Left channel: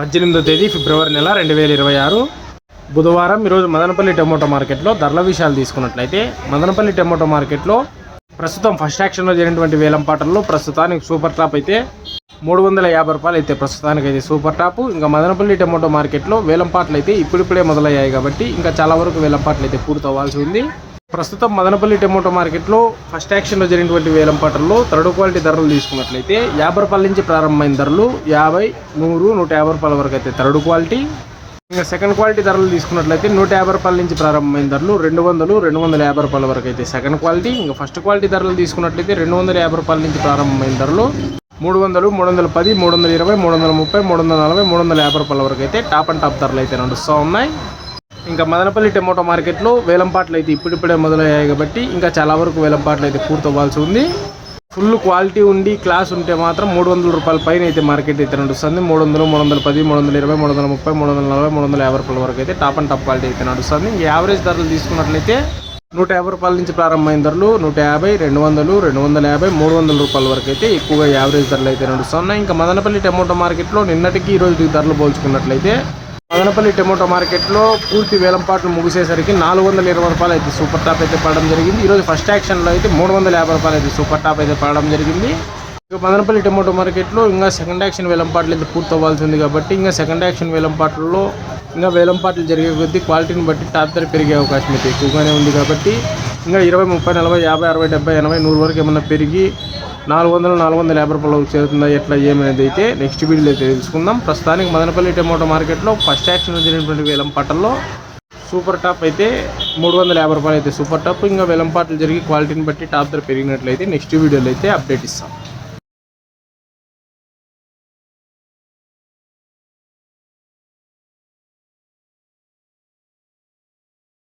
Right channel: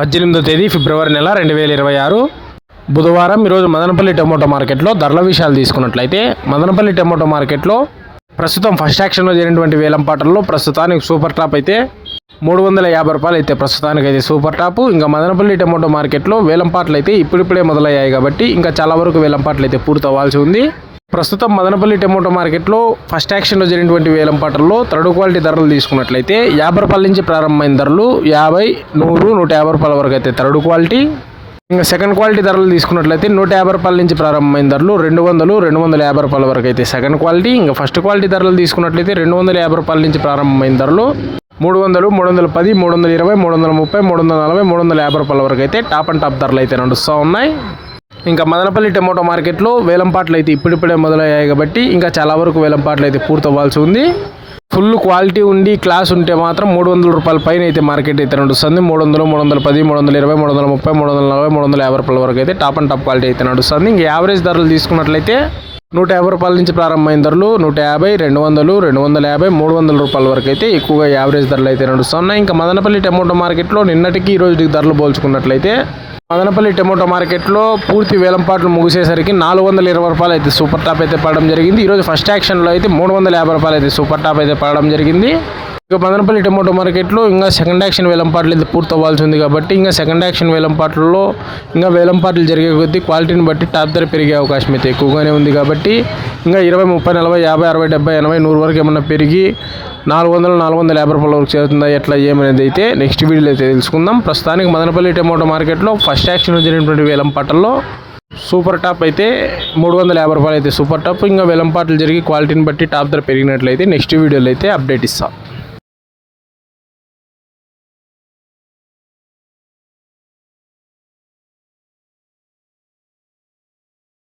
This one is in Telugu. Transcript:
పద్దెనిమిదో తేదీ ఫిబ్రవరి నెల రెండు వేల ఇరవై ఆరు. బుధవారం ఈరోజు మదనపల్లి టమోటో మార్కెట్లో ధరల విషయాలు తీసుకున్నట్లయితే మదనపల్లి టమోటో మార్కెట్లో ప్రస్తుతం ఫస్ట్ యాక్షన్లో జరిగినటువంటి వేలం పాటల్లో ప్రస్తుతానికి సూపర్ టాప్ అయితే మూడు వందల యాభై రూపాయలు అయితే ప్రస్తుతానికి అయితే సూపర్ టాప్. ఇంకా మదనపల్లి టమోటో మార్కెట్లో వేలం పాటలు అయితే ఇప్పుడిప్పుడే మొదలయ్యాయి కాబట్టి ఇంకా చాలా వరకు వేలం పాటలు అయితే పూర్తవ్వాల్సి ఉంది. ప్రస్తుతం మదనపల్లి టమోటో మార్కెట్లో ఫస్ట్ యాక్షన్లో జరిగినటువంటి వేలం పాటల్లో థర్డ్ క్వాలిటీ ధరలు తీసుకున్నట్లయితే యాభై రూపాయల నుంచి ప్రారంభమైన ధరలు యాభై నూరు నూట యాభై రూపాయల వరకు అయితే థర్డ్ క్వాలిటీ. ఇంకా సెకండ్ క్వాలిటీ ధరలు తీసుకున్నట్లయితే నూట యాభై రూపాయల నుంచి ప్రారంభమైన ధరలు రెండు వందలు రెండు వందల యాభై రూపాయల వరకు అయితే సెకండ్ క్వాలిటీ. ఇంకా ఫస్ట్ క్వాలిటీ ధరలు తీసుకున్నట్లయితే రెండు వందల యాభై రూపాయల నుంచి ప్రారంభమైన ధరలు మూడు వందలు మూడు వందల పది మూడు వందల ఇరవై మూడు వందల ముప్పై మూడు వందల నలభై మూడు వందల యాభై రూపాయల వరకు అయితే టాప్ అండ్ టాప్ ధరలు అయితే నడుస్తూ ఉన్నాయి. ఇంకా మదనపల్లి టమోటో మార్కెట్లో వేలంపాట్లు అయితే ఇప్పుడిప్పుడే మొదలయ్యాయి కాబట్టి ఇంకా చాలా వరకు వేలంపాట్లు అయితే పూర్తవ్వాల్సి ఉంది. ఫుల్ క్వాలిటీ ఉండి క్లాస్ ఉంటే మాత్రం మూడు వందల రూపాయల పైన అయితే మార్కెట్ అయితే నడుస్తుంది మూడు వందలు మూడు వందల పది మూడు వందల ఇరవై మూడు వందల ముప్పై మూడు వందల నలభై మూడు వందల యాభై రూపాయల వరకు అయితే టాప్ అండ్ టాప్ క్వాలిటీ అయితే నడుస్తుంది. ఇంకా యావరేజ్ ధరలు తీసుకున్నట్లయితే నూట యాభై రూపాయల నుంచి ప్రారంభమైన ధరలు నూట యాభై రెండు వందలు రెండు వందల యాభై మూడు వందల రూపాయల వరకు అయితే ఎక్కువగా యావరేజ్ ధరలు అయితే నడుస్తున్నాయి. ఇంకా మదనపల్లి టమోటో మార్కెట్లో నిన్నటికి ఈ రోజుకి ధరలు పోల్చుకున్నట్లయితే మదనపల్లి టమోటా మార్కెట్లో పూర్తి వేలంపాట్లు ముగిసేసరికి నాలుగు వందల ఇరవై రూపాయలు అయితే సూపర్ టాప్ అయితే పడడం జరిగింది. ఈరోజు ఫస్ట్ యాక్షన్లో అయితే మూడు వందల యాభై రూపాయలు అయితే సూపర్ టాప్ అయితే పడడం జరిగింది. ఇక మదనపల్లి టమోటో మార్కెట్లో ఇంకా సెకండ్ యాక్షన్ వేలంపాట్లు అయితే పూర్తి అవ్వాల్సి ఉంది కాబట్టి ఇంకా సెకండ్ యాక్షన్ వేలంపాట్లలో ఇంకా వేలంపాట్లు జరిగే కొద్దీ క్వాలిటీని బట్టి టాప్ ధర పెరిగే అవకాశం అయితే ఎక్కువగానే ఉంది కాబట్టి ఇంకా ఇరవై ముప్పై నలభై యాభై అరవై డెబ్బై ఎనభై నూరు వరకు ఏమన్నా పెరిగి నాలుగు వందలు నాలుగు వందల యాభై రూపాయల వరకు చేరుతుందా ఎట్లా ఏమనేది అయితే నెక్స్ట్ వీడియోలో అయితే తెలుసుకుందాం. ప్రస్తుతానికి మదనపల్లి టమోటో మార్కెట్లో ఫస్ట్ యాక్షన్ జరిగినటువంటి వేలంపాటల్లో సూపర్ టాప్ అయితే మూడు వందల యాభై రూపాయలు అయితే సూపర్ టాప్ ఇంకా వేలంపాట్లు జరిగి క్వాలిటీని బట్టి టాప్ ధర పెరిగినట్లయితే నెక్స్ట్ వీడియోలో అయితే అప్డేట్ ఇస్తాం.